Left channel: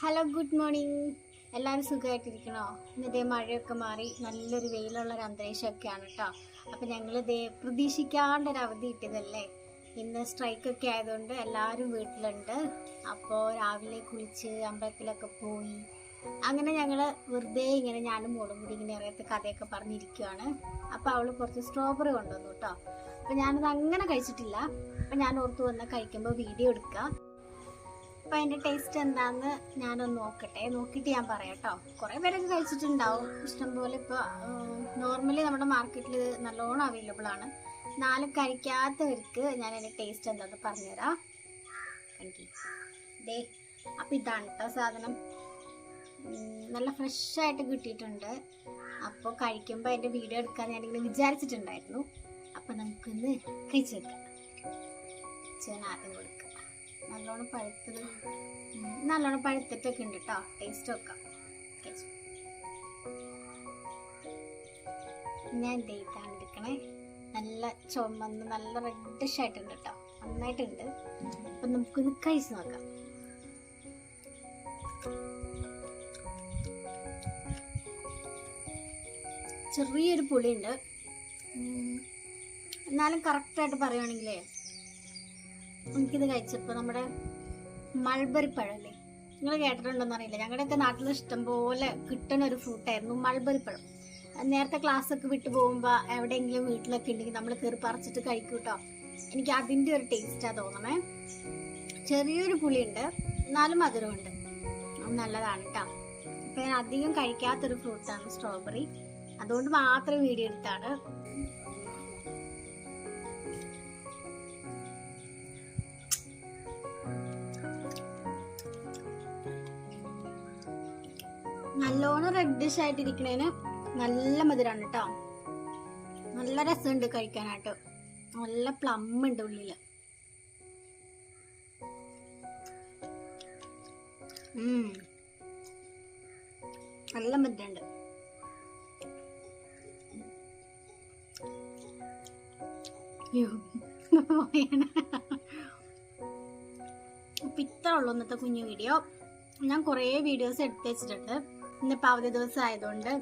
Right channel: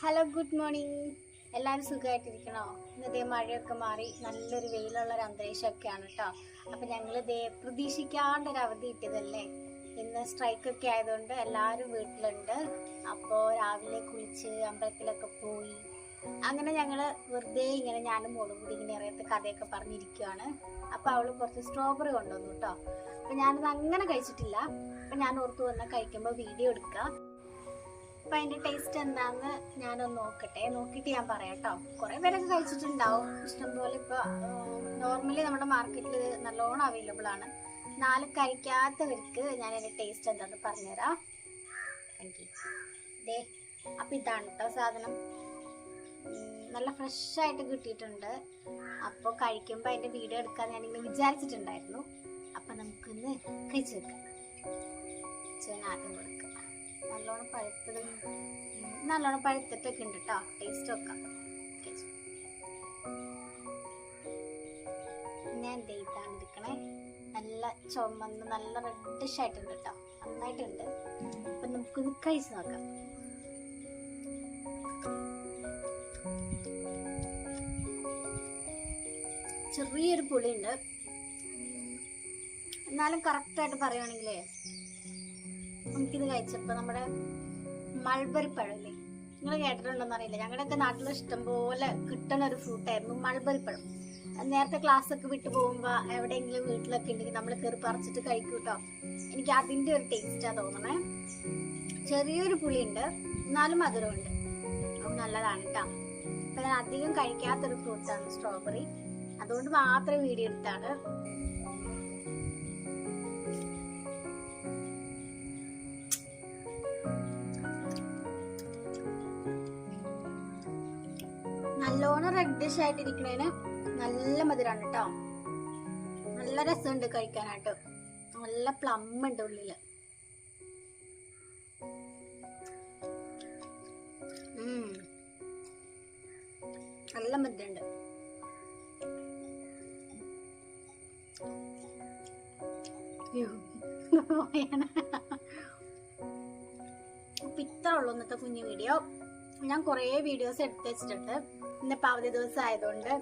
Hello good morning എല്ലാവരും സുഖമായിട്ടിരിക്കണോ? ഇന്നത്തെ മഴയൊക്കെ മാറി നല്ലൊരു വെയിലുള്ള ഒരു അന്തരീക്ഷമൊക്കെയാണ് കേട്ടോ. അപ്പം ഞങ്ങൾ ഇതേ പ്രതീക്ഷിക്കാണ്ട് ഒരു അവധി കിട്ടിയതല്ലേ ഇന്ന് സ്ട്രൈക്കൊക്കെ ആയതുകൊണ്ട് എല്ലാവരും വീട്ടിലുണ്ട്. അപ്പോൾ രാവിലെ കുളിച്ച് അമ്പലത്തിലൊക്കെ പോയി. അങ്ങനെ ഞങ്ങൾ വെറുതെ ഇങ്ങനെ ഞാനും മോളും കൂടി ഇങ്ങനെ അറിയാത്ത കഥയൊക്കെ പറഞ്ഞിരിക്കുകയാണ് അപ്പോൾ അവൾ കുറച്ച് സ്ട്രോബെറി കൊണ്ടുവന്നു കേട്ടോ. അപ്പം ഞാനത് അങ്ങനെ കഴിച്ചിട്ടില്ല. അപ്പം ഞാൻ ഓർത്ത് വന്നാൽ കഴിക്കുമ്പോൾ വീഡിയോ എടുക്കാം. അപ്പൊ അതിന്റെ ടേസ്റ്റ് എന്താന്ന് ഞാനൊന്ന് നോക്കട്ടെ. നോക്കിട്ട് ഞാൻ പറയാം കേട്ടോ കുറെ പേരൊക്കെ കഴിച്ചിട്ടുണ്ടാവും. ഇഷ്ടംപോലെ ഇപ്പൊ നോർമലി നമ്മുടെ മാർക്കറ്റിൽ നല്ലോണം അവൈലബിൾ ആണ്. നാല് കഴിക്കാത്തവർക്ക് ഞാൻ അതിന്റെ ടേസ്റ്റ് എന്താന്ന് പറഞ്ഞുതരാം. താങ്ക് ദേ അപ്പൊ ഇതാണ് കേട്ടോ സാധനം. നല്ല ഫ്രഷ് ആയിട്ട് കിട്ടിയിട്ടുണ്ട്. അപ്പോൾ കഴിക്കുമ്പോൾ അതിന്റെ വീഡിയോ എടുക്കാൻ ഞാനിങ്ങനെ വിചാരിച്ചിട്ടുണ്ടായിരുന്നു. അപ്പം നമുക്കൊന്ന് കഴിച്ചു വെക്കാം ചേന ആദ്യം കൊടുക്കാം. നല്ലോണം പഴുത്തത് നല്ലോണം പഴുത്തിട്ടൊക്കെ ഉണ്ട് കേട്ടോ ടേസ്റ്റ് വെക്കാം. ഞാൻ ഇതാണ് എടുക്കണേ. നല്ല ചുമന്ന് നല്ല റെഡിഷ് ആയിട്ടുണ്ട് കേട്ടോ നന്നായിട്ടുണ്ട്. അപ്പൊ നമുക്കിത് കഴിച്ചു നോക്കാം. ചെറിയൊരു പുളിയുണ്ട്. എന്നാലും കറക്റ്റായിട്ട് പറയുകയാണെങ്കിലേ നമുക്കിത് കഴിച്ചപ്പോൾ നമ്മുടെ മൾബറി പഴമല്ലേ? നിങ്ങൾ കേട്ടിട്ടുണ്ടോന്ന് അറിയില്ല ഞങ്ങളുടെയൊക്കെ നാട്ടിൽ ഇഷ്ടം പോലെ കിട്ടുന്ന ഒരു ഫ്രൂട്ടായിരുന്നു മൾബറി പഴം. നേരത്തെ ക്ലാസ് ഒക്കെ വിട്ടു പോകുമ്പോൾ എവിടെയെങ്കിലും വീട്ടിലൊക്കെ ഉണ്ടെങ്കിൽ നമ്മൾ കയറി പറിച്ചിട്ട് കഴിക്കും കേട്ടോ എനിക്ക് അതിന്റെ ഒരു ടേസ്റ്റാണ് തോന്നണേ. ചെറിയൊരു പുളിയുണ്ട് എന്നാലും മധുരമുണ്ട്. അത് നല്ലതാണ് കേട്ടോ അപ്പം ഞാൻ അധികം കഴിക്കാത്തൊരു ഫ്രൂട്ടാണ് സ്ട്രോബെറി അതുകൊണ്ട് മാത്രം വീഡിയോ എടുത്താണ്. നല്ലോണം റെഡിഷ് ആയിട്ടിരിക്കണേന് നല്ല മധുരമാണ് കേട്ടോ നല്ല രസമുണ്ട് കഴിക്കാനായിട്ട്. നല്ല പ്ലം ഉണ്ട് ഉള്ളിൽ. നല്ല മധുരമുണ്ട്. അപ്പൊ ഇത്ര ഉള്ളൂ ഇന്നത്തെ കുഞ്ഞു വീഡിയോ ഞാൻ കുറേ വീഡിയോസ് എടുത്ത് വെച്ചിട്ടുണ്ട്. ഇന്നിപ്പോൾ അവധി ദിവസം ആയതുകൊണ്ട്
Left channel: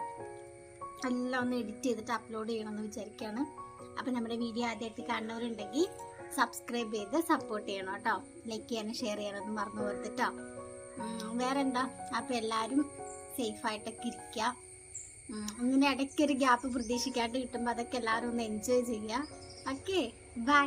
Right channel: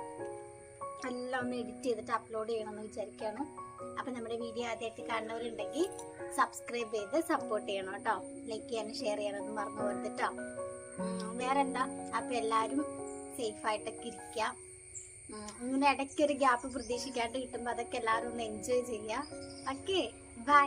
എല്ലാം ഒന്ന് എഡിറ്റ് ചെയ്തിട്ട് അപ്ലോഡ് ചെയ്യണമെന്ന് വിചാരിക്കുകയാണ്. അപ്പം നമ്മുടെ വീഡിയോ ആദ്യമായിട്ട് കാണുന്നവരുണ്ടെങ്കിൽ സബ്സ്ക്രൈബ് ചെയ്ത് സപ്പോർട്ട് ചെയ്യണം കേട്ടോ. ലൈക്ക് ചെയ്യാനും ഷെയർ ചെയ്യാനൊന്നും മറന്നു പോകരുത് കേട്ടോ. വേറെ എന്താ അപ്പം എല്ലാവരും സേഫായിട്ടൊക്കെ ഇരിക്കുക. ഇങ്ങനെ ഇടയ്ക്കൊരു ഗ്യാപ്പ് പ്രതീക്ഷിക്കാണ്ട് കിട്ടുമ്പോൾ അതൊക്കെ എല്ലാവരും ഒന്ന് എൻജോയ് ചെയ്യുക. Okay bye